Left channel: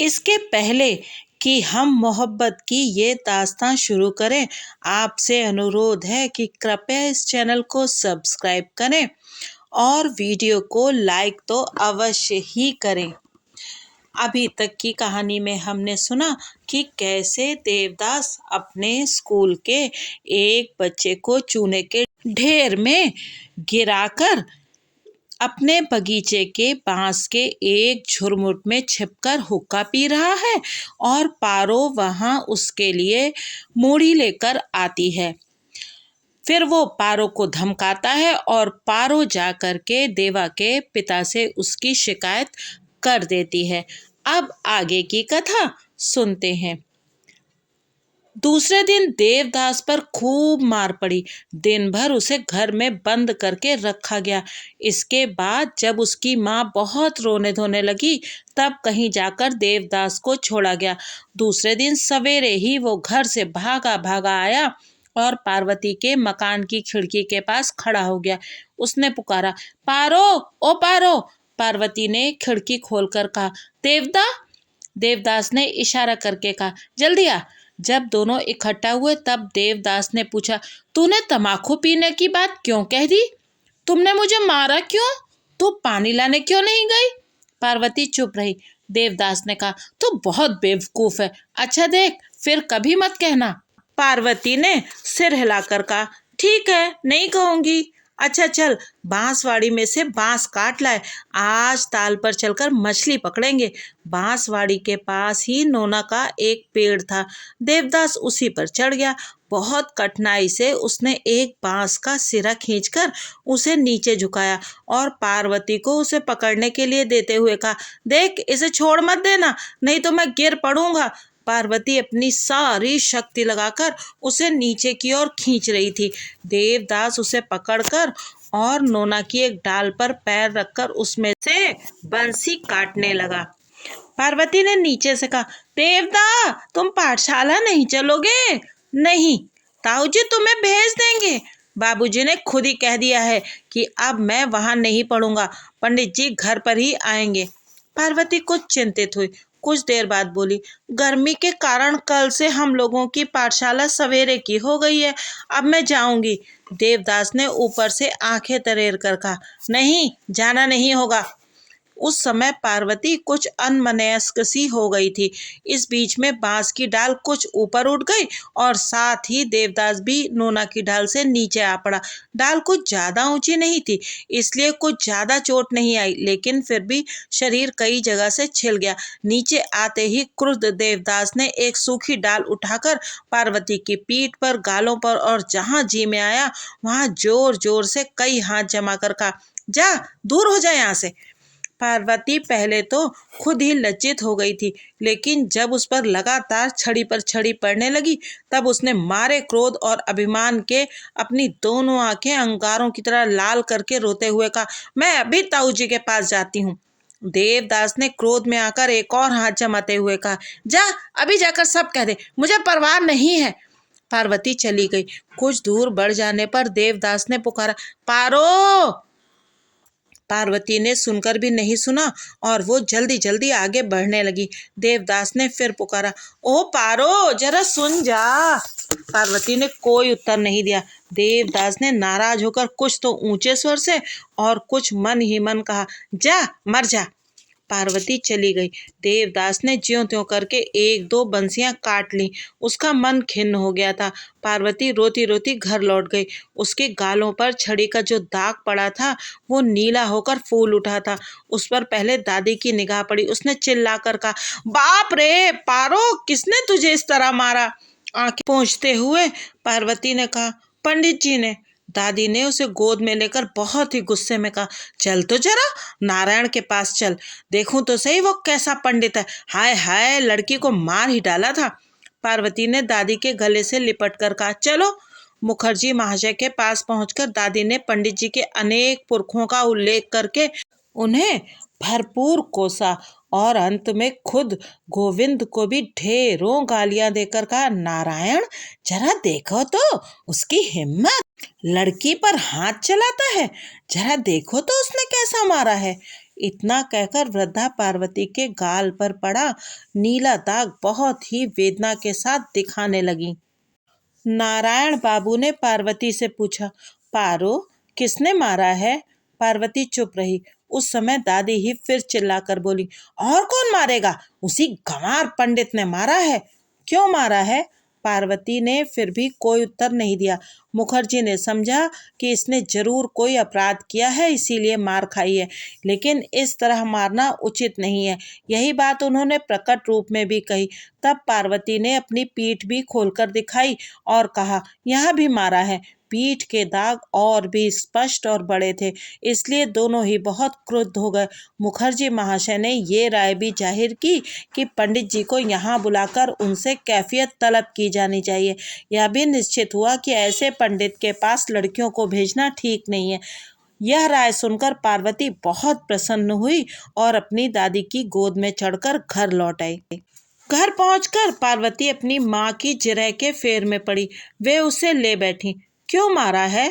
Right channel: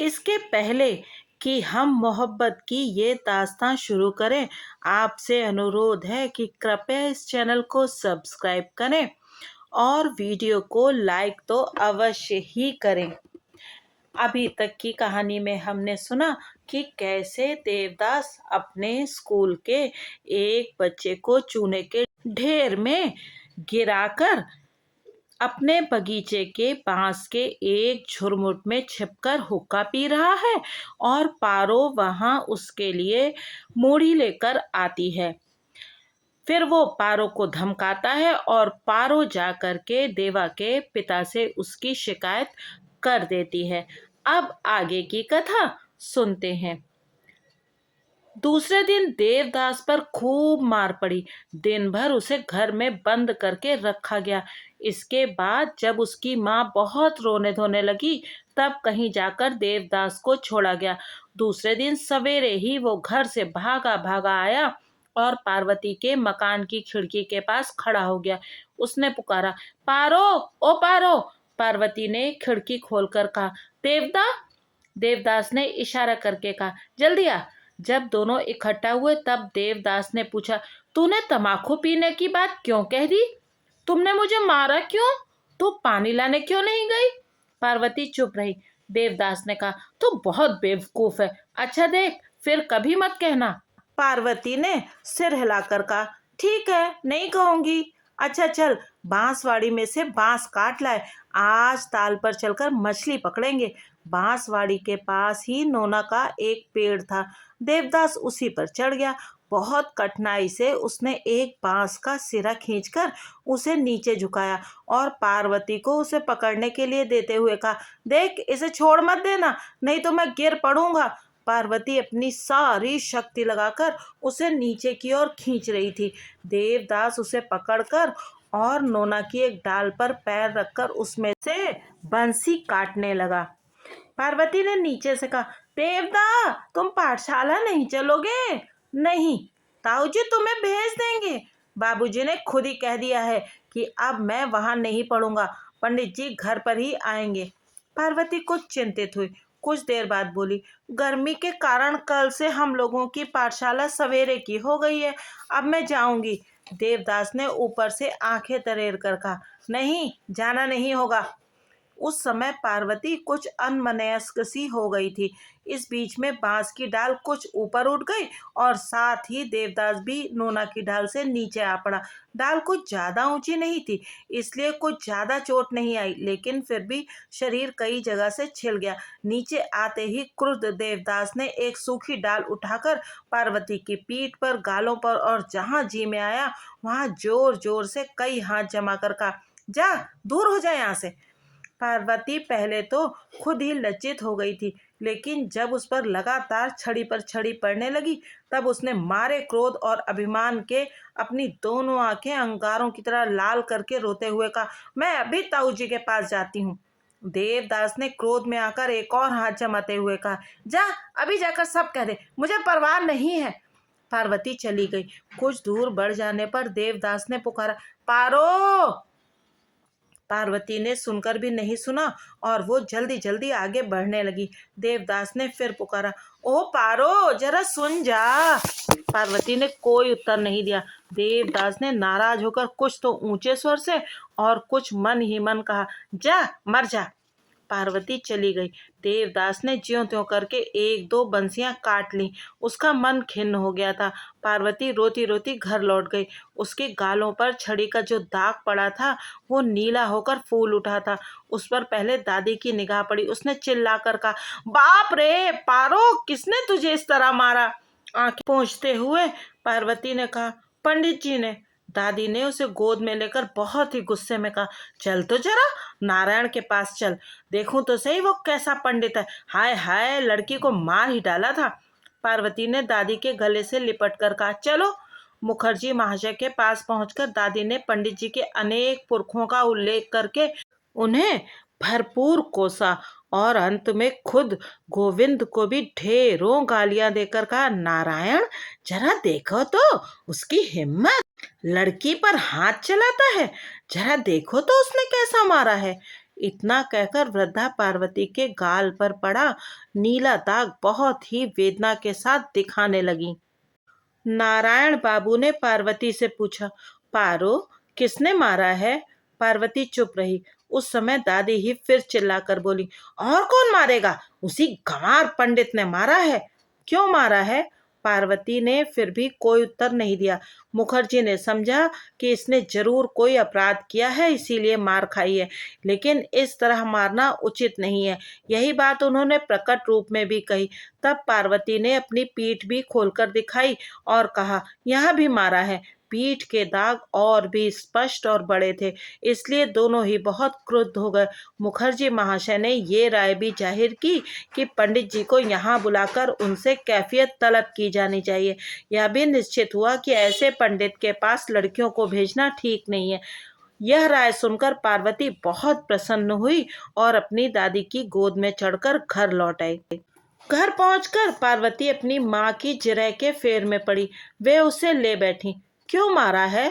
इसके पहले कि हम मोहब्बत की ये दास्तां शुरू करें, आपसे अनुरोध है कि कृपया इस चैनल को सब्सक्राइब करें और वीडियो को लाइक तो अवश्य ही करें। अभी तक की कहानी में हमने सुना कि कैसे देवदास अपने स्कूल के एक बच्चे को चूने के ढेर में गिराकर अपने बगीचे के बांस के एक झुरमुट में छिपकर हुक्का पी रहा है और पारो वहां उसके लिए मूढ़ी लेकर आती है। फिर वो पारो को धमकाता है और पारो जा कर के देवा के पिता से उसकी शिकायत कर देती है। अब आगे की कथा सुनते हैं। दूसरे दिन देवदास पर खूब मार पड़ी। दिन भर उसे घर में बंद करके रखा गया। इसके बाद जब उसकी माँ बहुत रोने धोने लगी, तब कहीं जाकर देवदास को छोड़ा गया। दूसरे दिन सवेरे ही वो घर से भागा भागा आया और पार्वती के मकान की खिड़की के पास खड़ा हो गया। उसने पुकारा, पारो, ओ पारो। पार्वती ने खिड़की खोलकर कहा, देवदा। देवदास ने इशारा करके कहा, जल्दी आ। जब दोनों इकट्ठा हुए तब देवदास ने पूछा, तूने तम्बाकू पीने की बात क्यों कह दी? तुमने मुझे मारा क्यों? तू पानी लाने क्यों नहीं गई? पार्वती चुप रही। देवदास ने कहा, तू बहुत बेवकूफ है। अच्छा देख, फिर कभी मत कहना। पार्वती ने सिर हिलाकर कहा, ठीक है, नहीं कहूंगी। अच्छा चल, बांसवाड़ी में से बांस काट लाए, आज ताल पर चलकर मछली पकड़ेंगे। बांसवाड़ी के पास ही नोना का एक पेड़ था। देवदास उसी पर चढ़ गया। बहुत कठिनाई से उसने एक बांस का सिरा खींचकर उसे नीचे झुकाया और पार्वती को उसे पकड़ने के लिए देते हुए कहा, देख, इसे छोड़ मत देना, नहीं तो मैं गिर पड़ूंगा। पार्वती अपनी सारी शक्ति लगाकर उसे नीचे की ओर खींच रही थी। देवदास उसे पकड़कर और नोना की एक डाल पर पैर रखकर उसमें से बंसी काटने लगा। पार्वती ने नीचे से कहा, देवदा, तुम पाठशाला नहीं चलोगे? नहीं, ताऊजी तुम्हें भेज देंगे। बाबूजी ने खुद ही कह दिया है कि अब मैं वहां नहीं पढ़ूंगा, पंडित जी घर पर ही आएंगे। पार्वती कुछ चिंतित हुई। कुछ देर बाद बोली, गर्मी के कारण कल से हम लोगों की पाठशाला सवेरे की हो गई है, अब मैं जाऊंगी। देवदास ने ऊपर से आंखें तरेर कर कहा, नहीं, जाना नहीं होगा। उस समय पार्वती कुछ अनमनस्क सी हो गई थी। इस बीच में बांस की डाल कुछ ऊपर उठ गई और साथ ही देवदास भी नोना की डाल से नीचे आ पड़ा। डाल कुछ ज्यादा ऊंची नहीं थी, इसलिए कुछ ज्यादा चोट नहीं आई, लेकिन फिर भी शरीर कई जगह से छिल गया। नीचे आते ही क्रुद्ध देवदास ने एक सूखी डाल उठाकर पार्वती की पीठ पर, गालों पर और जहां जी में आया वहां जोर जोर से कई हाथ जमा कर कहा, जा, दूर हो जा यहाँ से। पार्वती पहले तो खुद ही लज्जित हो गई थी, लेकिन जब उस पर लगातार छड़ी पर छड़ी पड़ने लगी, तब उसने मारे क्रोध और अभिमान के अपनी दोनों आंखें अंगारों की तरह लाल करके रोते हुए कहा, मैं अभी ताऊ जी के पास जाती हूँ। देवदास ने क्रोध में आकर एक और हाथ जमाते हुए कहा, जा, अभी जाकर सब कह दे, मुझे परवाह नहीं है। पार्वती चली गई। कुछ दूर बढ़ जाने पर देवदास ने पुकारा, पारो। पार्वती ने सुनकर भी नहीं सुना और वो जल्दी जल्दी आगे बढ़ने लगी। देवदास ने फिर पुकारा, ओ पारो, जरा सुन जा। पार्वती ने कोई उत्तर नहीं दिया। देवदास ने नाराज होकर कुछ तो ऊंचे स्वर से और कुछ मन ही मन कहा, जा, मर जा। पार्वती चली गई। देवदास ने ज्यों त्यों करके एक दो बंसियां काट ली। उसका मन खिन्न हो गया था। पार्वती रोती रोती घर लौट गई। उसके गालों पर छड़ी का जो दाग पड़ा था वो नीला होकर फूल उठा था। उस पर पहले दादी की निगाह पड़ी। उसने चिल्लाकर कहा, बाप रे पारो, किसने तुझे इस तरह मारा? आंखें पोंछते हुए पार्वती ने कहा, पंडित जी ने। दादी ने उसे गोद में लेकर बहुत ही गुस्से में कहा, चल तो जरा नारायण के पास चल, देखूं तो सही वो कैसा पंडित है। हाय हाय, लड़की को मार ही डाला था। पार्वती ने दादी के गले से लिपट कर कहा, चलो। मुखर्जी महाशय के पास पहुंचकर दादी ने पंडित जी के अनेक पुरखों का उल्लेख करके उन्हें भरपूर कोसा और अंत में खुद गोविंद को भी ढेरों गालियां देकर कहा, नारायण, जरा देखो तो उसकी हिम्मत, लड़की पर हाथ चलाता है, जरा देखो तो उसने कैसा मारा है। इतना कहकर वृद्धा पार्वती के गाल पर पड़ा नीला दाग बहुत ही वेदना के साथ दिखाने लगी। नारायण बाबू ने पार्वती से पूछा, पारो, किसने मारा है? पार्वती चुप रही। उस समय दादी ही फिर चिल्लाकर बोली, और कौन मारेगा? उसी गंवार पंडित ने मारा है। क्यों मारा है? पार्वती ने फिर भी कोई उत्तर नहीं दिया। मुखर्जी ने समझा कि इसने जरूर कोई अपराध किया है, इसीलिए मार खाई है, लेकिन इस तरह मारना उचित नहीं है। यही बात उन्होंने प्रकट रूप में भी कही। तब पार्वती ने अपनी पीठ भी खोलकर दिखाई और कहा, यहाँ भी मारा है। पीठ के दाग और भी स्पष्ट और बड़े थे, इसलिए दोनों ही बहुत क्रुद्ध हो गए। मुखर्जी महाशय ने ये राय भी जाहिर की कि पंडित जी को यहाँ बुलाकर उनसे कैफियत तलब की जानी चाहिए। यह भी निश्चित हुआ कि ऐसे पंडित के पास लड़कियों को भेजना ठीक नहीं है। यह राय सुनकर पार्वती बहुत प्रसन्न हुई और अपनी दादी की गोद में चढ़कर घर लौट आई। घर पहुंचकर पार्वती अपनी माँ की जिरह के फेर में पड़ी। वे उसे ले बैठी। क्यों मारा है?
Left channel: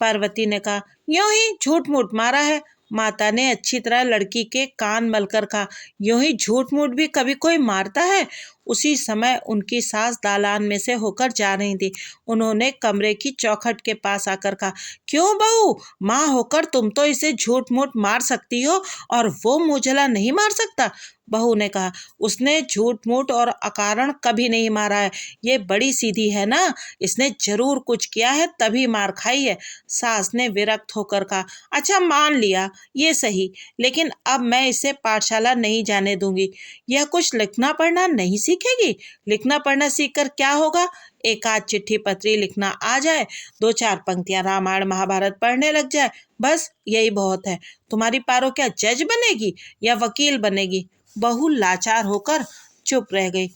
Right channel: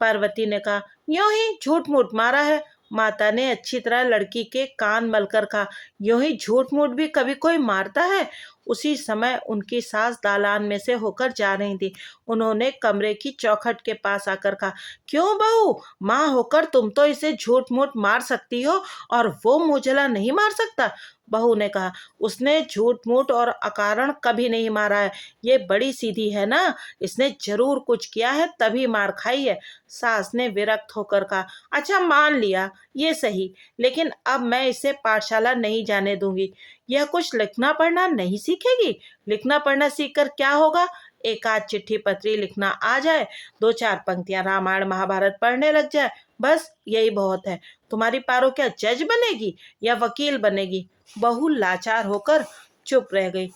पार्वती ने कहा, यूं ही झूठ मूठ मारा है। माता ने अच्छी तरह लड़की के कान मलकर कहा, यूं ही झूठ मूठ भी कभी कोई मारता है? उसी समय उनकी सास दालान में से होकर जा रही थी। उन्होंने कमरे की चौखट के पास आकर कहा, क्यों बहू, माँ होकर तुम तो इसे झूठ मूठ मार सकती हो और वो मुझला नहीं मार सकता? बहू ने कहा, उसने झूठ मूठ और अकारण कभी नहीं मारा है। ये बड़ी सीधी है ना, इसने जरूर कुछ किया है तभी मार खाई है। सास ने विरक्त होकर कहा, अच्छा मान लिया, ये सही, लेकिन अब मैं इसे पाठशाला नहीं जाने दूंगी। यह कुछ लिखना पढ़ना नहीं सीखेगी। लिखना पढ़ना सीखकर क्या होगा? एक आध चिट्ठी पत्री लिखना आ जाए, दो चार पंक्तियां रामायण महाभारत पढ़ने लग जाए, बस यही बहुत है। तुम्हारी पारो क्या जज बनेगी या वकील बनेगी? बहू लाचार होकर चुप रह गई।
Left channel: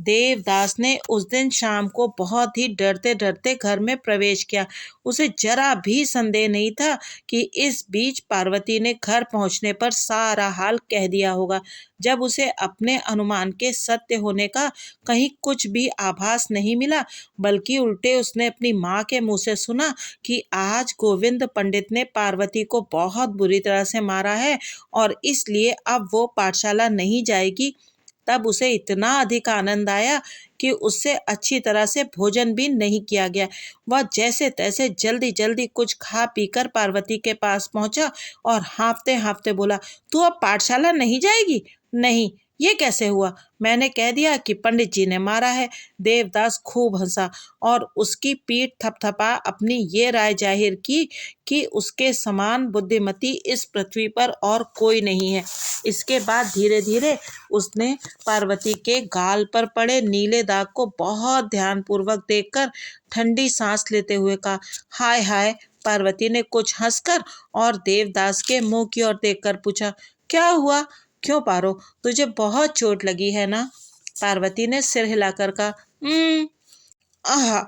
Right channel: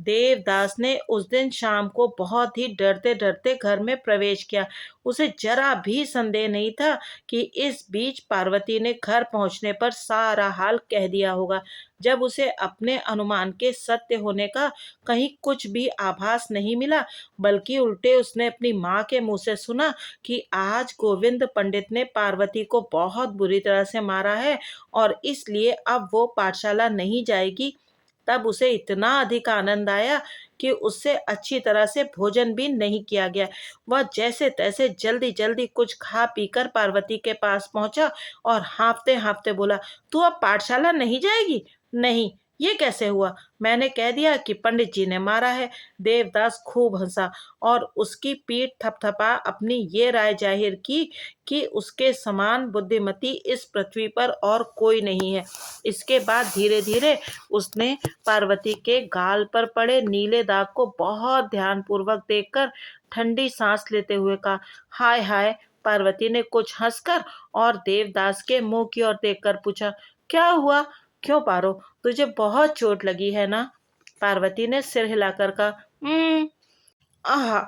देवदास ने उस दिन शाम को बहुत ही डरते डरते घर में प्रवेश किया। उसे जरा भी संदेह नहीं था कि इस बीच पार्वती ने घर पहुंचने पर सारा हाल कह दिया होगा। जब उसे अपने अनुमान के सत्य होने का कहीं कुछ भी आभास नहीं मिला, बल्कि उल्टे उसने अपनी माँ के मुंह से सुना कि आज गोविंद पंडित ने पार्वती को बहुत बुरी तरह से मारा है और इसलिए अब वो पाठशाला नहीं जाएगी, तब उसे इतना अधिक आनंद आया कि उससे अच्छी तरह से भोजन भी नहीं किया गया। वह जैसे तैसे जल्दी जल्दी कुछ खा पीकर पार्वती के पास पहुंचा और हाँफते हाँफते बोला, तू अब पाठशाला नहीं जाएगी? नहीं, ये कैसे हुआ? मैंने कह दिया कि पंडित जी ने मारा है। देवदास खूब हंसा और उसकी पीठ थपथपा अपनी ये राय जाहिर की कि उसके समान बुद्धिमती इस पृथ्वी पर और कोई नहीं है। इसके बाद धीरे धीरे उसने पार्वती के गाल पर पड़े नीले दाग को बहुत ध्यानपूर्वक देखकर ठंडी सांस लेते हुए कहा, हाय हाय। पार्वती ने कुछ हंसकर और देवदास के मुंह की ओर देखकर पूछा, क्या हुआ? क्यों पारो, तुझे बहुत चोट लगी है ना? पार्वती ने सिर हिलाकर कहा, आहा,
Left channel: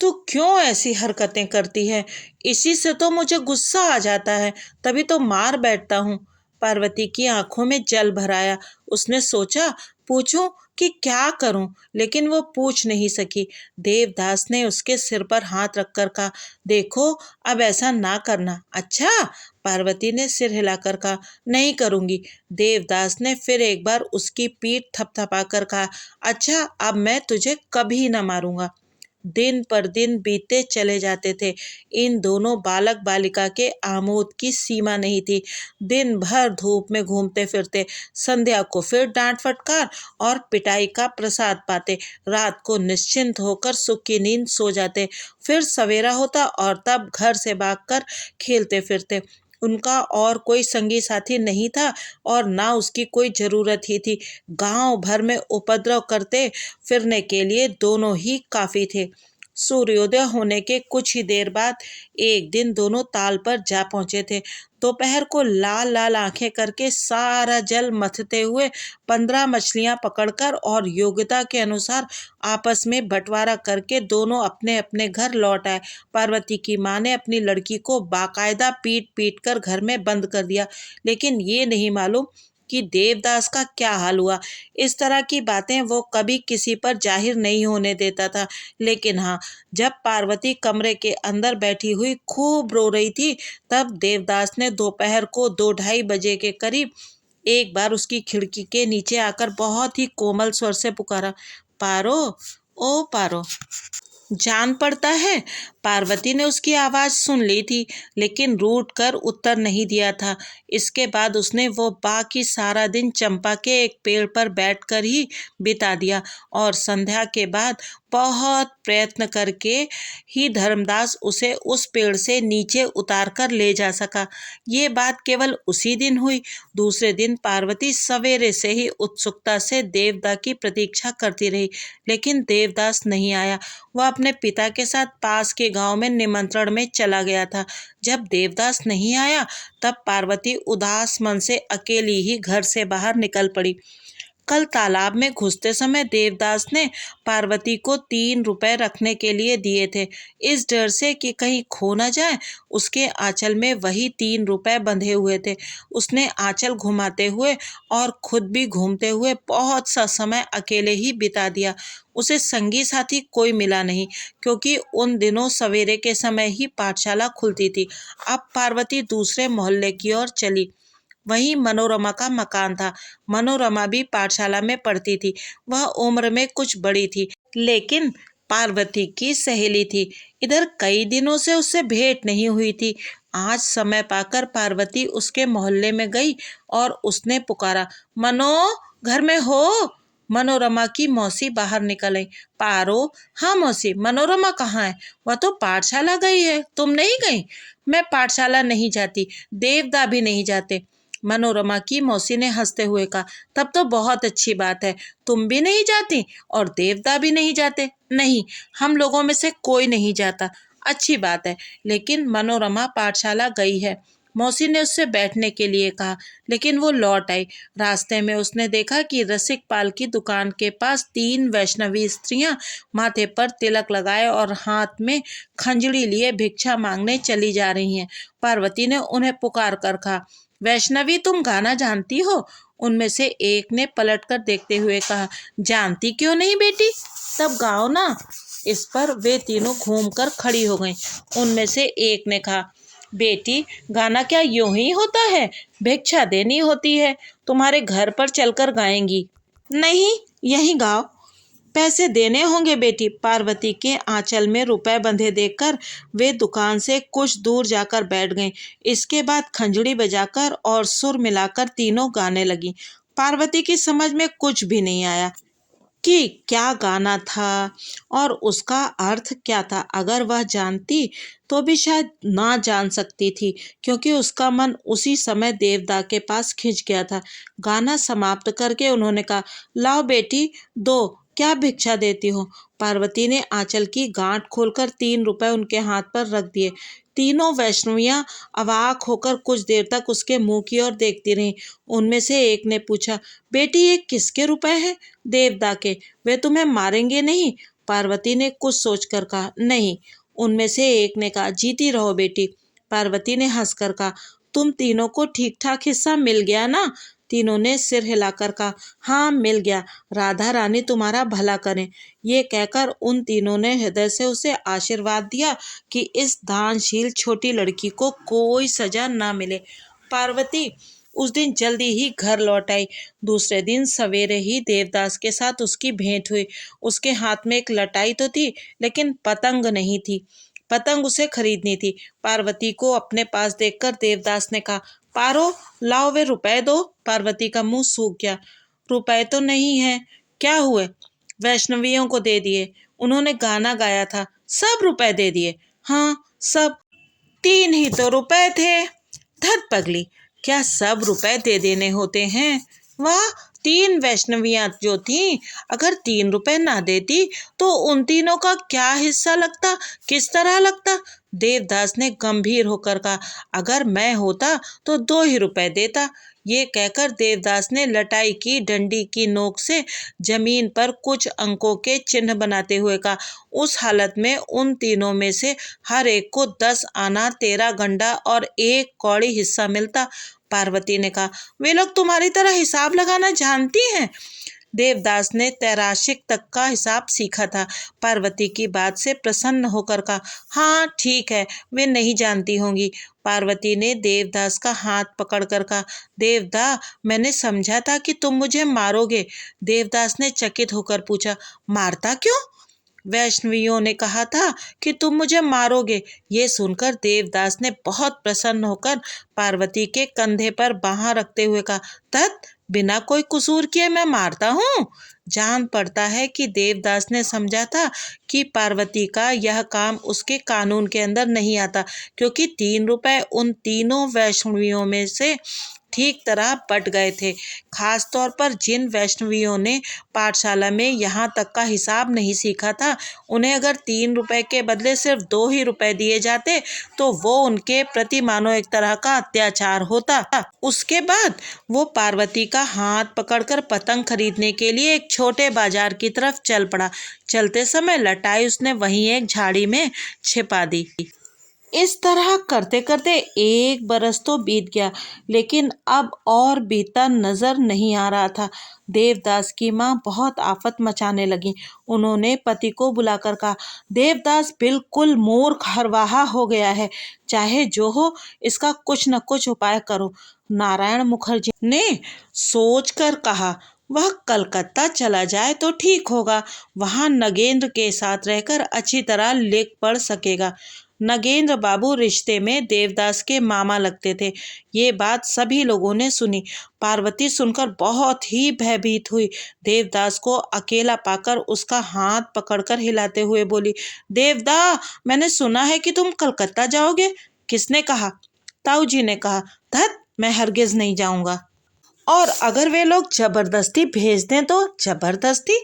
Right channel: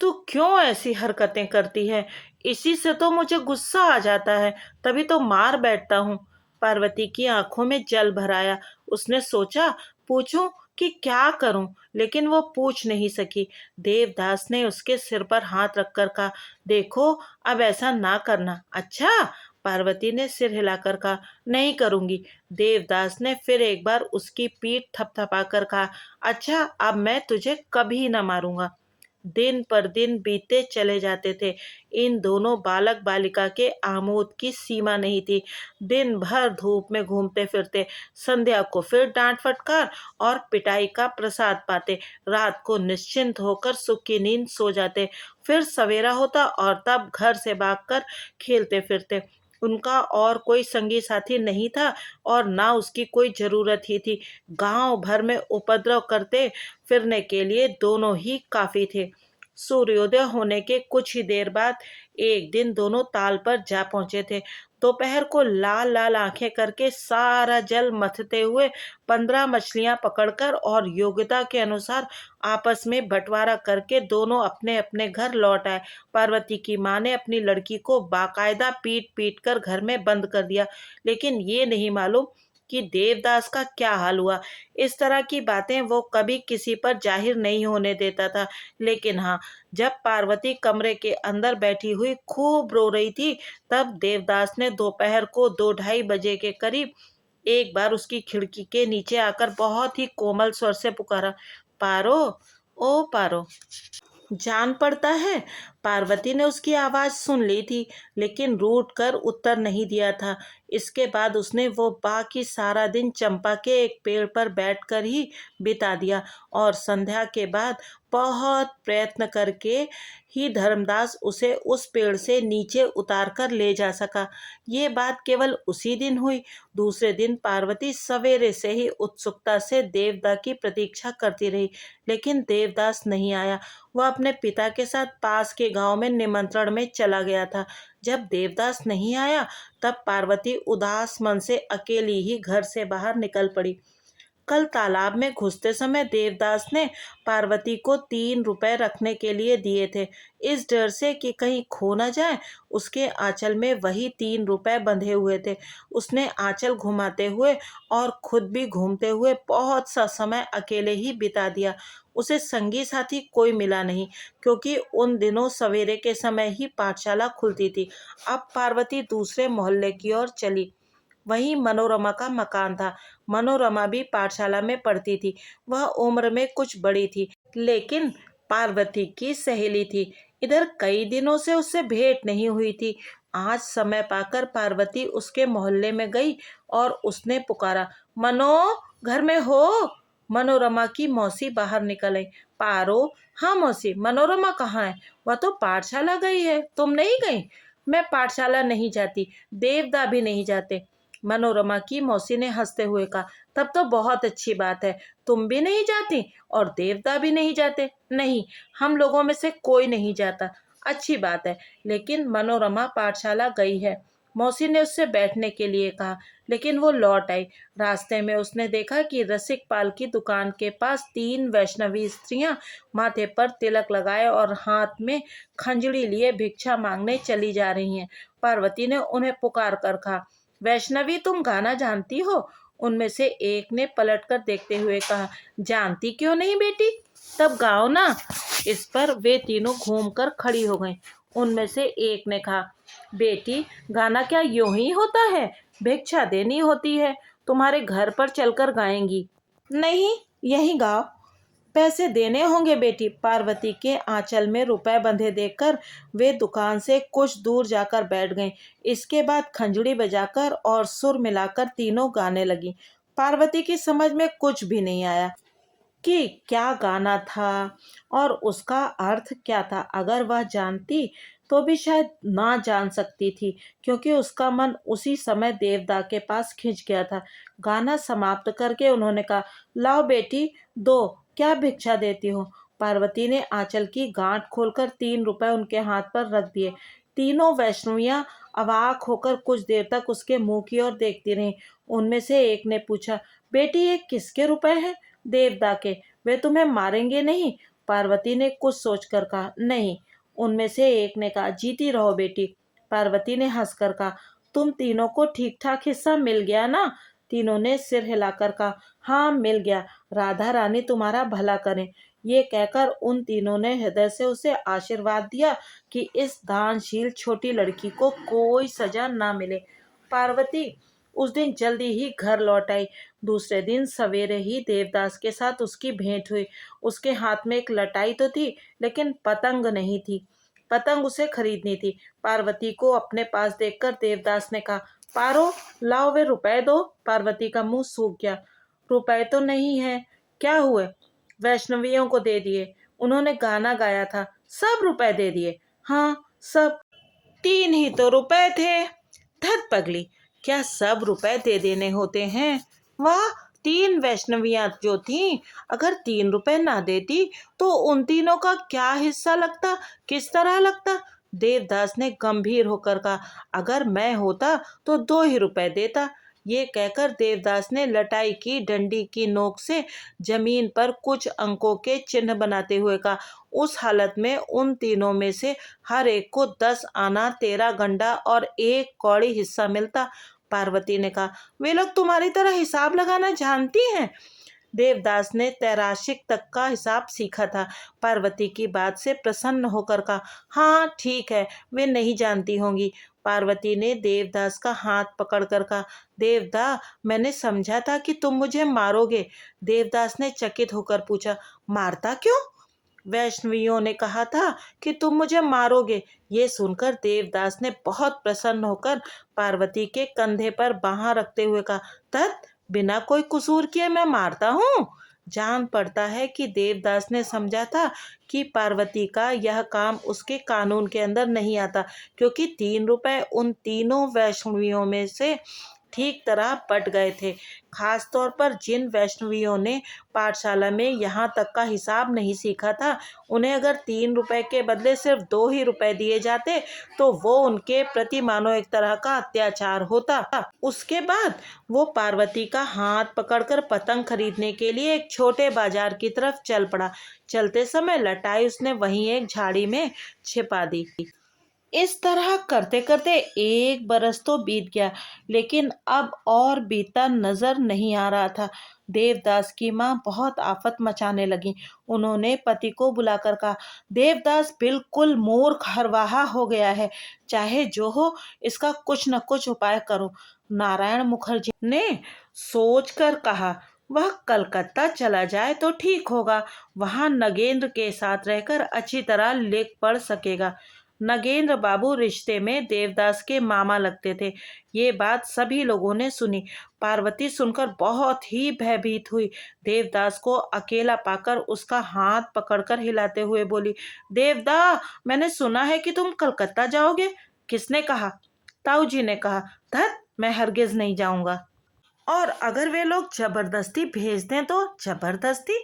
तू क्यों ऐसी हरकतें करती है? इसी से तो मुझे गुस्सा आ जाता है, तभी तो मार बैठता हूँ। पार्वती की आंखों में जल भर आया। उसने सोचा पूछूं कि क्या करूं, लेकिन वो पूछ नहीं सकी। देवदास ने उसके सिर पर हाथ रखकर कहा, देखो, अब ऐसा ना करना, अच्छा? पार्वती ने सिर हिलाकर कहा, नहीं करूंगी। देवदास ने फिर एक बार उसकी पीठ थपथपाकर कहा, अच्छा, अब मैं तुझे कभी न मारूंगा। दिन पर दिन बीतते चले जाते थे। इन दोनों बालक बालिका के आमोद की सीमा नहीं थी। दिन भर धूप में घूमते फिरते, संध्या को फिर डांट फटकार और पिटाई का प्रसाद पाते, रात को निश्चिंत होकर सुख की नींद सो जाते। फिर सवेरा होता और तब घर से भागकर खेलते फिरते। उनका और कोई संगी साथी नहीं था और ना उसकी कोई जरूरत ही थी। गांव भर में उपद्रव करते फिरने के लिए दोनों ही काफी थे। सूर्योदय होने के कुछ ही देर बाद एक दिन दोनों ताल पर जा पहुंचे थे। दोपहर को लाल लाल आंखें करके सारा जल मथते हुए 15 मछलियां पकड़कर और योग्यता के अनुसार आपस में बंटवारा करके दोनों अपने अपने घर लौट आए। पार्वती की माँ ने अपनी लड़की को बाकायदा पीट पीट कर घर में बंद कर दिया, लेकिन ये नहीं मालूम कि देवदास का क्या हाल हुआ। इस तरह की बातें वो कभी किसी पर जाहिर नहीं होने देता था। लेकिन हाँ, जब पार्वती कमरे के अंदर बैठी हुई खूब रो रही थी, तब देवदास ने दोपहर को 2-2:30 बजे के करीब एक बार उसकी खिड़की के नीचे आकर बहुत ही कोमल स्वर से पुकारा, पारो, ओ पारो। जान पड़ता है। पार्वती ने उसकी आवाज़ सुन ली थी, लेकिन रूठ कर उत्तर नहीं दिया था। इसके बाद उसने वो बाकी सारा दिन चंपा के एक पेड़ पर बैठकर ही बिता दिया और संध्या के बाद बहुत प्रयत्न करके ही धर्मदास उसे उस पेड़ से नीचे उतार कर ले जा सका। ये बात केवल उसी दिन हुई। दूसरे दिन पार्वती सवेरे से ही उत्सुकता से देवदा की प्रतीक्षा करती रही, लेकिन देवदास नहीं आया। वह अपने पिता के साथ पास के गांव में निमंत्रण में चला गया था। जब देवदास नहीं आया, तब पार्वती उदास मन से अकेली ही घर से बाहर निकल पड़ी। कल तालाब में घुसते समय देवदास ने पार्वती को 3 रुपए रखने के लिए दिए थे। इस डर से कि कहीं खो न जाए, उसके आंचल में वही 3 रुपए बंधे हुए थे। उसने आंचल घुमाते हुए और खुद भी घूमते हुए बहुत सा समय अकेले ही बिता दिया। उसे संगी साथी कोई मिला नहीं, क्योंकि उन दिनों सवेरे के समय ही पाठशाला खुलती थी। अब पार्वती दूसरे मोहल्ले की ओर चली। वहीं मनोरमा का मकान था। मनोरमा भी पाठशाला में पढ़ती थी। वह उम्र में कुछ बड़ी थी, लेकिन पार्वती की सहेली थी। इधर कई दिनों से उससे भेंट नहीं हुई थी। आज समय पाकर पार्वती उसके मोहल्ले में गई और उसने पुकारा, मनो, घर में हो? मनोरमा की मौसी बाहर निकल आई। पारो, हाँ मौसी, मनोरमा कहाँ है? वह तो पाठशाला गई है, तुम नहीं गई? मैं पाठशाला नहीं जाती, देवदा भी नहीं जाते। मनोरमा की मौसी ने हंसते हुए कहा, तब तो बहुत अच्छी बात है। तुम भी नहीं जाती और देवता भी नहीं जाते? नहीं, हम लोगों में से कोई नहीं जाता। अच्छी बात है। लेकिन मनोरमा पाठशाला गई है। मौसी ने उससे बैठने के लिए कहा, लेकिन वो लौट आई। रास्ते में उसने देखा कि रसिक पाल की दुकान के पास 3 वैष्णवी स्त्रियां माथे पर तिलक लगाए और हाथ में खंजड़ी लिए भिक्षा मांगने चली जा रही हैं। पार्वती ने उन्हें पुकार कर कहा, वैष्णवी, तुम गाना जानती हो? उनमें से एक ने पलटकर देखते हुए कहा, जानती क्यों नहीं बेटी, तब गाओ ना। इस पर वे तीनों घूमकर खड़ी हो गईं। उनमें से एक ने कहा, बेटी, गाना क्या यूं ही होता है? भिक्षा देनी होती है। तुम्हारे घर पर चलकर गाएंगी। नहीं, यही गाओ। पैसे देने होंगे बेटी। पार्वती के आंचल में रुपए बंधे देखकर वे दुकान से कुछ दूर जाकर बैठ गईं। इसके बाद खंजड़ी बजाकर और सुर मिलाकर तीनों गाने लगी। पार्वती की समझ में कुछ भी नहीं आया कि क्या गाना था और उसका अर्थ क्या था। अगर वह जानती तो भी शायद ना जान सकती थी, क्योंकि उसका मन उसी समय देवदा के पास खिंच गया था। गाना समाप्त करके उन्होंने कहा, लाओ बेटी, दो, क्या भिक्षा देती हो? पार्वती ने आंचल की गांठ खोलकर 3 रुपए उनके हाथ पर रख दिए। तीनों वैष्णवियां अवाक होकर कुछ देर तक उसके मुंह की ओर देखती रहीं। उनमें से एक ने पूछा, बेटी, ये किसके रुपए हैं? देवदा के। वे तुम्हें मारेंगे नहीं? पार्वती ने कुछ सोचकर कहा, नहीं। उनमें से एक ने कहा, जीती रहो बेटी। पार्वती ने हंसकर कहा, तुम तीनों को ठीक ठाक हिस्सा मिल गया ना? तीनों ने सिर हिलाकर कहा, हाँ मिल गया, राधा रानी तुम्हारा भला करें। ये कहकर उन तीनों ने हृदय से उसे आशीर्वाद दिया कि इस दानशील छोटी लड़की को कोई सजा ना मिले। पार्वती उस दिन जल्दी ही घर लौट आई। दूसरे दिन सवेरे ही देवदास के साथ उसकी भेंट हुई। उसके हाथ में एक लटाई तो थी, लेकिन पतंग नहीं थी। पतंग उसे खरीदनी थी। पार्वती को अपने पास देखकर देवदास ने कहा, पारो, लाओ, वे रुपए दो। पार्वती का मुंह सूख गया। रुपए तो नहीं है। क्या हुए? वैष्णवियों को दे दिए। उन्होंने गाना गाया था, सब रुपए दे दिए। हाँ, सब। 3 ही तो रुपए थे। धत पगली, क्या सब रुपए दे देने होते हैं? वाह, 3 वैष्णवियां जो थीं, अगर 3 रुपए ना देती तो उन तीनों का क्या हिस्सा लगता, किस तरह लगता? देवदास ने गंभीर होकर कहा, अगर मैं होता तो 2 ही रुपए देता। ये कहकर देवदास ने लटाई की डंडी की नोक से जमीन पर कुछ अंकों के चिन्ह बनाते हुए कहा, उस हालत में उन तीनों में से हर एक को 10 आना, 13 गंडा और 1 कौड़ी हिस्सा मिलता। पार्वती ने कहा, वे लोग तुम्हारी तरह हिसाब लगाना जानती हैं? देवदास ने तैराशिक तक का हिसाब सीखा था। पार्वती की बात से प्रसन्न होकर कहा, हाँ ठीक है, वे नहीं जानती होंगी। पार्वती ने देवदास का हाथ पकड़कर कहा, देवदा, मैंने समझा था कि तुम मुझे मारोगे। देवदास ने चकित होकर पूछा, मारता क्यों? वैष्णवियों ने कहा था कि तुम मुझे मारोगे। ये सुनकर देवदास ने बहुत प्रसन्न होकर पार्वती के कंधे पर बाँह रखते हुए कहा, तत्, बिना कोई कसूर किए मैं मारता हूँ? जान पड़ता है कि देवदास ने समझा था कि पार्वती का यह काम उसके कानून के अंदर नहीं आता, क्योंकि 3 रुपए उन तीनों वैष्णवियों में से ठीक तरह बट गए थे। खास तौर पर जिन वैष्णवियों ने पाठशाला में यहाँ तक का हिसाब नहीं सीखा था, उन्हें अगर 3 रुपए के बदले सिर्फ 2 ही रुपए दिए जाते तो वो उनके प्रति मानो एक तरह का अत्याचार होता। उसके बाद वो पार्वती का हाथ पकड़कर पतंग खरीदने के लिए एक छोटे बाजार की तरफ चल पड़ा। चलते समय लटाई उसने वहीं एक झाड़ी में छिपा दी। इस तरह करते करते 1 बरस तो बीत गया, लेकिन अब और बीता नजर नहीं आ रहा था। देवदास की माँ बहुत आफत मचाने लगी। उन्होंने पति को बुलाकर कहा, देवदास बिल्कुल मूर्ख हरवाहा हो गया है, चाहे जो हो इसका कुछ न कुछ उपाय करो। नारायण मुखर्जी ने सोचकर कहा, वह कलकत्ता चला जाए तो ठीक होगा, वहाँ नगेंद्र के साथ रहकर अच्छी तरह लिख पढ़ सकेगा। नगेंद्र बाबू रिश्ते में देवदास के मामा लगते थे। ये बात सभी लोगों ने सुनी। पार्वती सुनकर बहुत ही भयभीत हुई। देवदास को अकेला पाकर उसका हाथ पकड़कर हिलाते हुए बोली, देवदा, मैंने सुना है कि तुम कलकत्ता जाओगे। किसने कहा? ताऊ जी ने कहा। धत, मैं हरगिज नहीं जाऊंगा। और अगर वे लोग जबरदस्ती भेज दें तो? जबरदस्ती?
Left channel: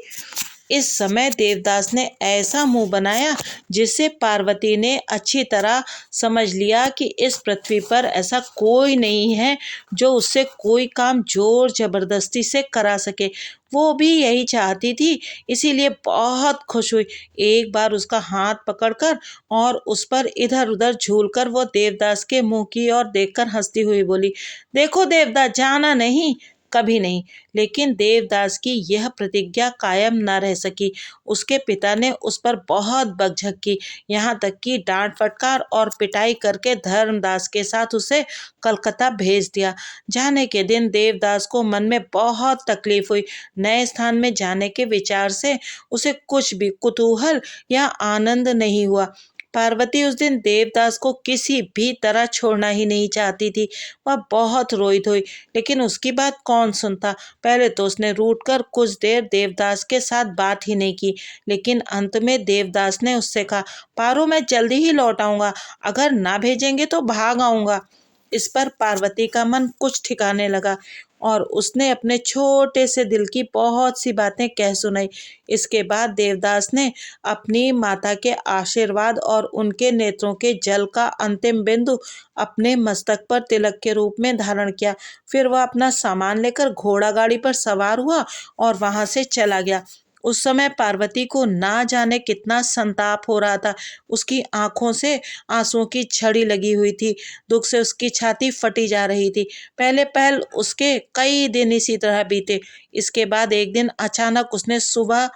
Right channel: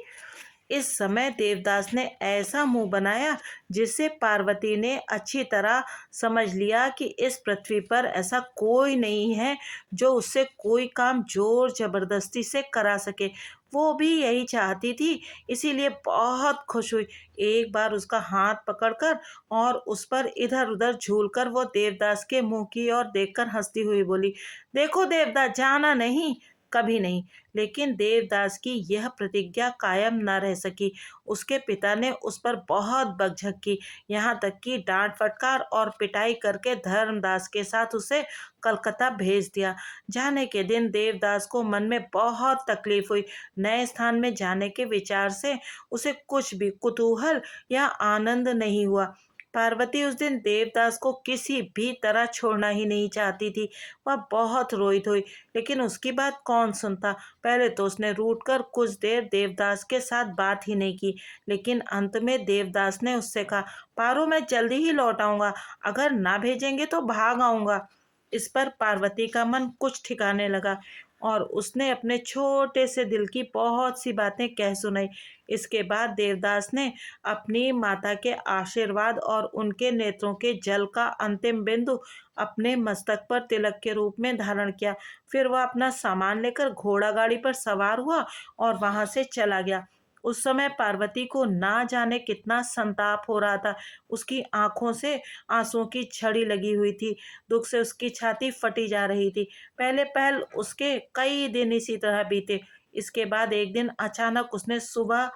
इस समय देवदास ने ऐसा मुंह बनाया जिससे पार्वती ने अच्छी तरह समझ लिया कि इस पृथ्वी पर ऐसा कोई नहीं है जो उससे कोई काम जोर जबरदस्ती से करा सके। वो भी यही चाहती थी, इसीलिए बहुत खुश हुई। एक बार उसका हाथ पकड़कर और उस पर इधर उधर झूलकर वो देवदास के मुंह की ओर देखकर हंसती हुई बोली, देखो देवदास, जाना नहीं, कभी नहीं। लेकिन देवदास की यह प्रतिज्ञा कायम न रह सकी। उसके पिता ने उस पर बहुत बकझक की, यहाँ तक कि डांट फटकार और पिटाई करके धर्मदास के साथ उसे कलकत्ता भेज दिया। जाने के दिन देवदास को मन में बहुत तकलीफ हुई। नए स्थान में जाने के विचार से उसे कुछ भी कुतूहल या आनंद नहीं हुआ। पार्वती उस दिन देवदास को किसी भी तरह छोड़ना ही नहीं चाहती थी। वह बहुत रोई धोई, लेकिन उसकी बात कौन सुनता। पहले तो उसने रूठकर कुछ देर देवदास के साथ बात ही नहीं की, लेकिन अंत में देवदास ने उससे कहा, पारो, मैं जल्दी ही लौट आऊँगा, अगर ना भेजेंगे तो भाग आऊँगा। इस पर पार्वती का मन कुछ ठिकाने लगा और उसने अपने छोटे से दिल की बहुत सी बातें कह सुनाई। इसके बाद देवदास ने अपनी माता के आशीर्वाद और उनके नेत्रों के जल का अंतिम बिंदु अपने मस्तक पर तिलक के रूप में धारण किया। फिर वह अपना सामान लेकर घोड़ा गाड़ी पर सवार हुआ और वहां से चला गया। उस समय पार्वती को ना जाने कितना संताप हो रहा था। उसकी आंखों से आंसुओं की झड़ी लगी हुई थी। दुख से उसकी छाती फटी जा रही थी। पहले पहल उसके कई दिन इसी तरह बीते। इसके बाद एक दिन अचानक उसने सुबह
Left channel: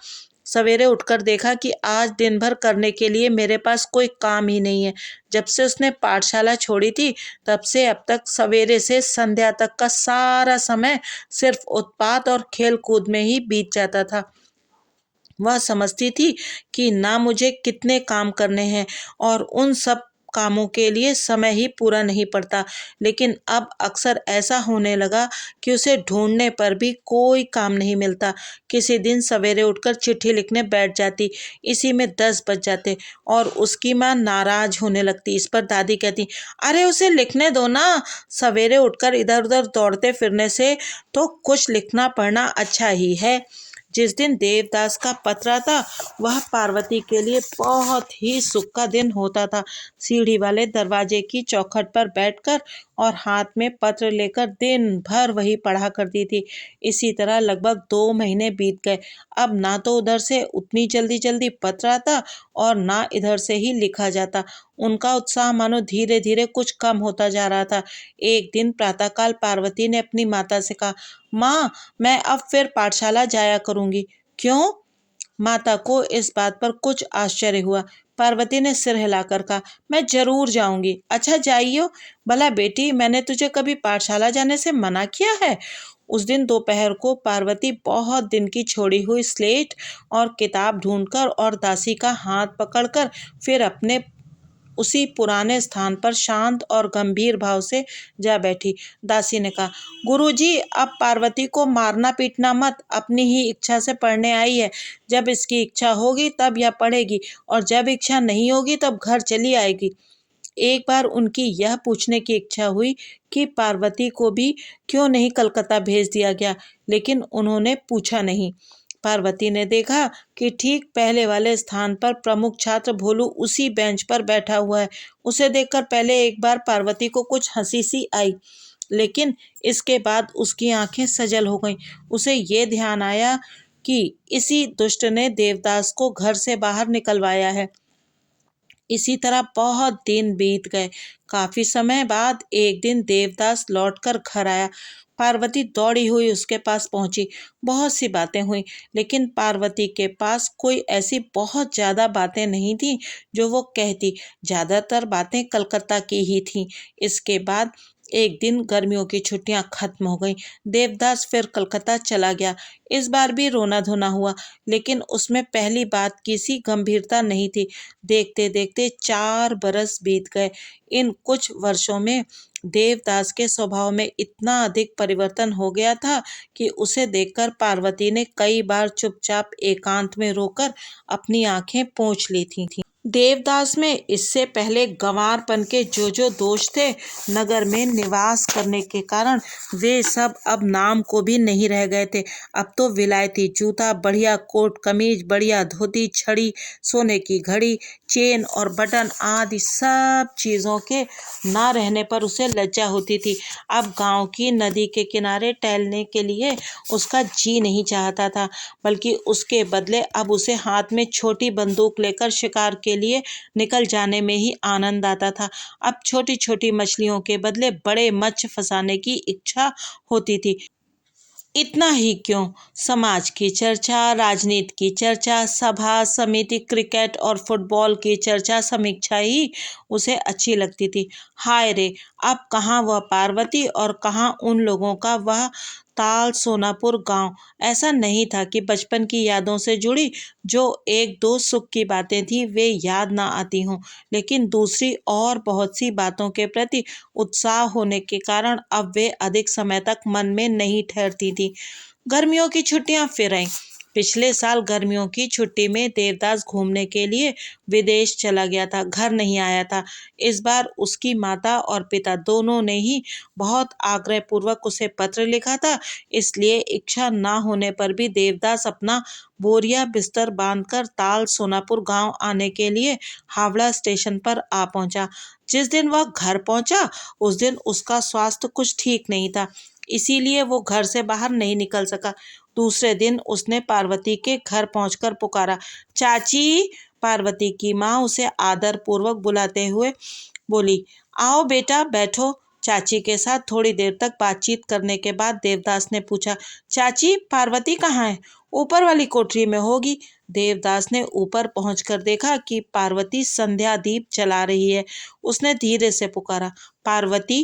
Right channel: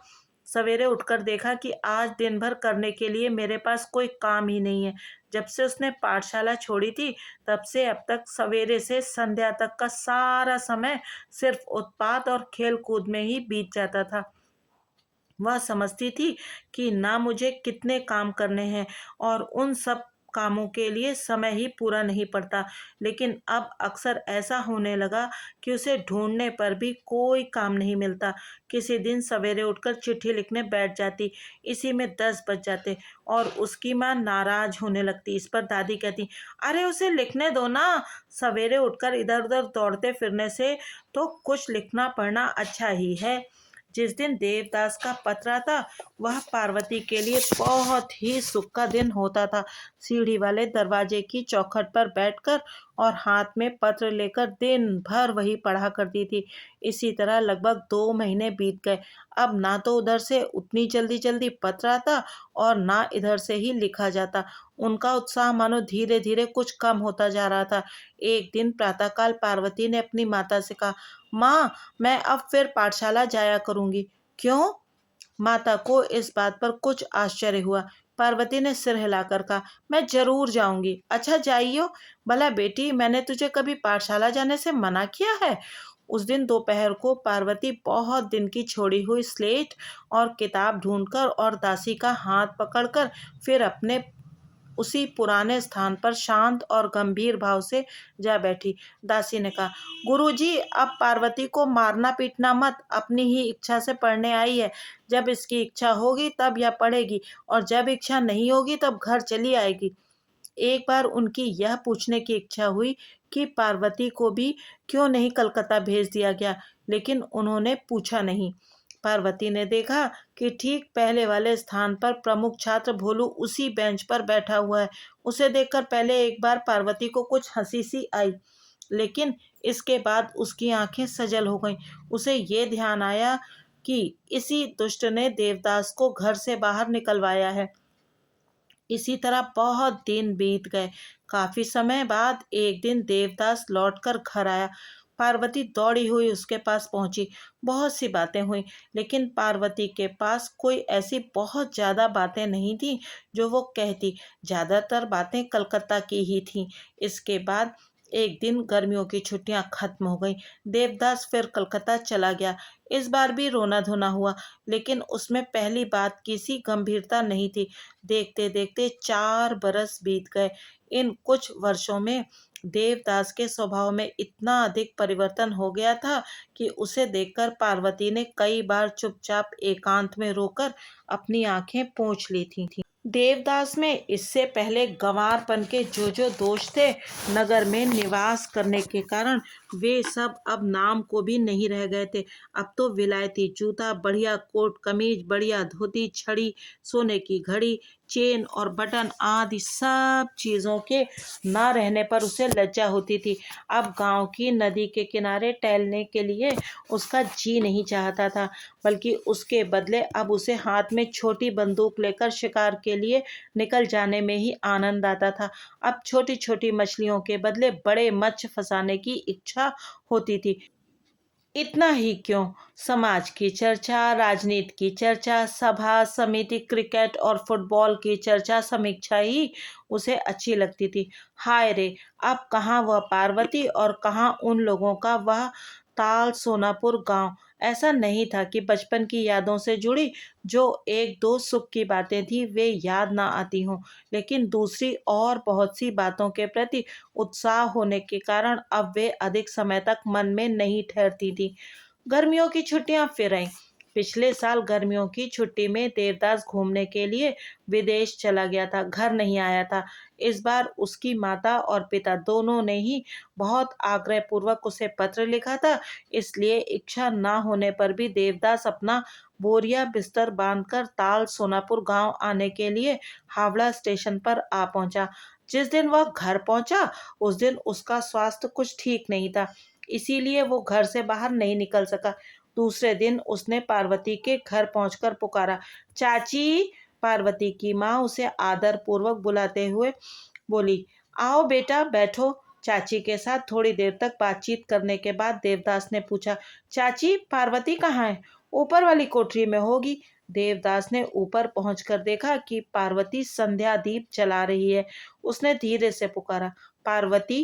सवेरे उठकर देखा कि आज दिन भर करने के लिए मेरे पास कोई काम ही नहीं है। जब से उसने पाठशाला छोड़ी थी, तब से अब तक सवेरे से संध्या तक का सारा समय सिर्फ उत्पात और खेल कूद में ही बीत जाता था। वह समझती थी कि ना मुझे कितने काम करने हैं और उन सब कामों के लिए समय ही पूरा नहीं पड़ता। लेकिन अब अक्सर ऐसा होने लगा कि उसे ढूंढने पर भी कोई काम नहीं मिलता। किसी दिन सवेरे उठकर चिट्ठी लिखने बैठ जाती, इसी में 10 बज जाते और उसकी माँ नाराज होने लगती। इस पर दादी कहती, अरे उसे लिखने दो ना, सवेरे उठकर इधर उधर दौड़ते फिरने से तो कुछ लिखना पढ़ना अच्छा ही है। जिस दिन देवदास का पत्र आता वह पार्वती के लिए बहुत ही सुख का दिन होता था। सीढ़ी वाले दरवाजे की चौखट पर बैठकर और हाथ में पत्र लेकर दिन भर वही पढ़ा करती थी। इसी तरह लगभग 2 महीने बीत गए। अब ना तो उधर से उतनी जल्दी जल्दी पत्र आता और ना इधर से ही लिखा जाता। उनका उत्साह मानो धीरे धीरे कुछ कम होता जा रहा था। एक दिन प्रातःकाल पार्वती ने अपनी माता से कहा, माँ, मैं अब फिर पाठशाला जाया करूँगी। क्यों? माता को इस बात पर कुछ आश्चर्य हुआ। पार्वती ने सिर हिलाकर कहा, मैं जरूर जाऊंगी। अच्छा, जाइयो। भला बेटी, मैंने तुझे कभी पाठशाला जाने से मना किया है? उस दिन दोपहर को पार्वती बहुत दिन की छोड़ी हुई स्लेट और किताब ढूंढकर और दासी का हाथ पकड़कर फिर अपने उसी पुराने स्थान पर शांत और गंभीर भाव से जा बैठी। दासी ने कहा, गुरुजी, अब पार्वती को मारना पीटना मत, अपनी ही इच्छा से पढ़ने आई है। जब इसकी इच्छा होगी तब यह पढ़ेगी, और जब इच्छा नहीं होगी तब घर चली आएगी। एक बार उनकी यह पूछने की इच्छा हुई कि पार्वती को भी क्यों नहीं कलकत्ता भेज दिया गया, लेकिन उन्होंने पूछा नहीं। पार्वती ने देखा कि ठीक पहले वाले स्थान पर प्रमुख छात्र भोलू उसी बेंच पर बैठा हुआ है। उसे देखकर पहले एक बार पार्वती को कुछ हंसी सी आई, लेकिन इसके बाद उसकी आंखें सजल हो गईं। उसे ये ध्यान आया कि इसी दुष्ट ने देवदास को घर से बाहर निकलवाया है। इसी तरह बहुत दिन बीत गए। काफी समय बाद एक दिन देवदास लौटकर घर आया। पार्वती दौड़ी हुई उसके पास पहुंची। बहुत सी बातें हुई, लेकिन पार्वती के पास कोई ऐसी बहुत ज्यादा बातें नहीं थी जो वो कहती। ज्यादातर बातें कलकत्ता की ही थीं। इसके बाद एक दिन गर्मियों की छुट्टियां खत्म हो गईं। देवदास फिर कलकत्ता चला गया। इस बार भी रोना धोना हुआ, लेकिन उसमें पहली बात की सी गंभीरता नहीं थी। देखते देखते 4 बरस बीत गए। इन कुछ वर्षों में देवदास के स्वभाव में इतना अधिक परिवर्तन हो गया था कि उसे देखकर पार्वती ने कई बार चुपचाप एकांत में रोकर अपनी आंखें पोंछ ली थीं। देवदास में इससे पहले गंवारपन के जो दोष थे, नगर में निवास करने के कारण वे सब अब नाम को भी नहीं रह गए थे। अब तो विलायती जूता, बढ़िया कोट कमीज, बढ़िया धोती, छड़ी, सोने की घड़ी, चेन और बटन आदि सब चीज़ों के ना रहने पर उसे लज्जा होती थी। अब गांव की नदी के किनारे टहलने के लिए उसका जी नहीं चाहता था, बल्कि उसके बदले अब उसे हाथ में छोटी बंदूक लेकर शिकार के लिए निकल जाने में ही आनंद आता था। अब छोटी छोटी मछलियों के बदले बड़े मत्स्य फंसाने की इच्छा होती थी। इतना ही क्यों, समाज की चर्चा, राजनीति की चर्चा, सभा समिति, क्रिकेट और फुटबॉल की चर्चा, समीक्षा ही उसे अच्छी लगती थी। हाय रे, अब कहाँ वह पार्वती और कहाँ उन लोगों का वह ताल सोनापुर गांव। ऐसा नहीं था कि बचपन की यादों से जुड़ी जो एक दो सुख की बातें थी वे याद ना आती हों, लेकिन दूसरी और बहुत सी बातों के प्रति उत्साह होने के कारण अब वे अधिक समय तक मन में नहीं ठहरती थी। गर्मियों की छुट्टियां फिर आईं। पिछले साल गर्मियों की छुट्टी में देवदास घूमने के लिए विदेश चला गया था, घर नहीं आया था। इस बार उसकी माता और पिता दोनों ने ही बहुत आग्रह पूर्वक उसे पत्र लिखा था। इसलिए इच्छा ना होने पर भी देवदास अपना बोरिया बिस्तर बांधकर ताल सोनापुर गांव आने के लिए हावड़ा स्टेशन पर आ पहुंचा। जिस दिन वह घर पहुंचा उस दिन उसका स्वास्थ्य कुछ ठीक नहीं था, इसीलिए वो घर से बाहर नहीं निकल सका। दूसरे दिन उसने पार्वती के घर पहुंचकर पुकारा, चाची। पार्वती की माँ उसे आदर पूर्वक बुलाते हुए बोली, आओ बेटा, बैठो। चाची के साथ थोड़ी देर तक बातचीत करने के बाद देवदास ने पूछा, चाची, पार्वती कहाँ है? ऊपर वाली कोठरी में होगी। देवदास ने ऊपर पहुंचकर देखा कि पार्वती संध्या दीप जला रही है। उसने धीरे से पुकारा, पार्वती।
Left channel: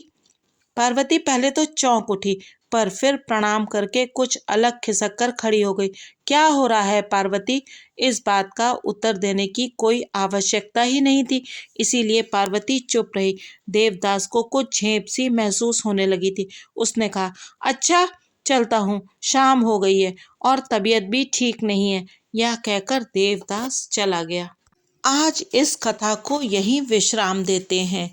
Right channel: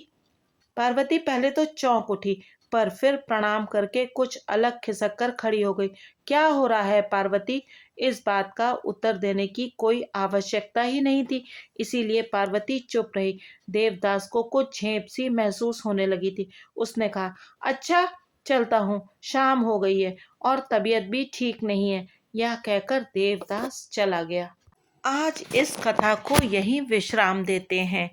पार्वती पहले तो चौंक उठी, पर फिर प्रणाम करके कुछ अलग खिसक कर खड़ी हो गई। क्या हो रहा है पार्वती? इस बात का उत्तर देने की कोई आवश्यकता ही नहीं थी, इसीलिए पार्वती चुप रही। देवदास को कुछ झेप सी महसूस होने लगी थी। उसने कहा, अच्छा, चलता हूँ, शाम हो गई है और तबीयत भी ठीक नहीं है। यह कहकर देवदास चला गया। आज इस कथा को यहीं विश्राम देते हैं।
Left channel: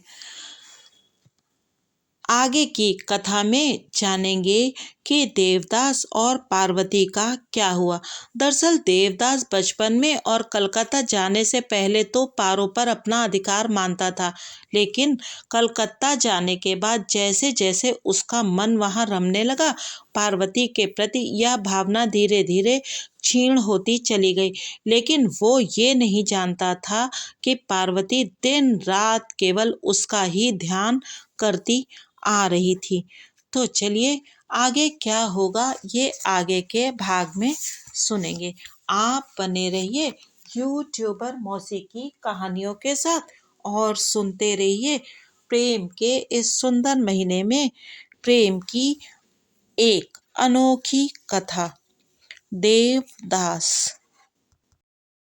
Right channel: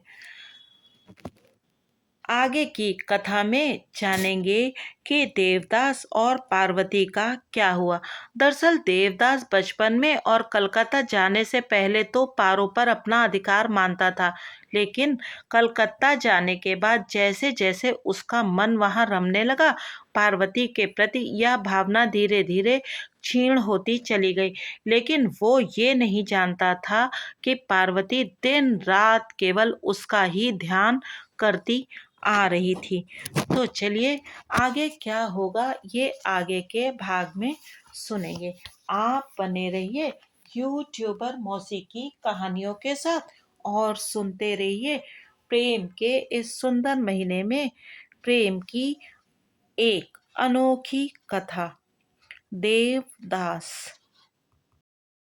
आगे की कथा में जानेंगे कि देवदास और पार्वती का क्या हुआ। दरअसल देवदास बचपन में और कलकत्ता जाने से पहले तो पारो पर अपना अधिकार मानता था, लेकिन कलकत्ता जाने के बाद जैसे जैसे उसका मन वहाँ रमने लगा, पार्वती के प्रति यह भावना धीरे धीरे क्षीण होती चली गई। लेकिन वो ये नहीं जानता था कि पार्वती दिन रात केवल उसका ही ध्यान करती आ रही थी। तो चलिए आगे क्या होगा ये आगे के भाग में सुनेंगे। आप बने रहिए यूट्यूबर मौसी की कहानियों के साथ और सुनते रहिए प्रेम के इस सुंदर महीने में प्रेम की एक अनोखी कथा, देवदास।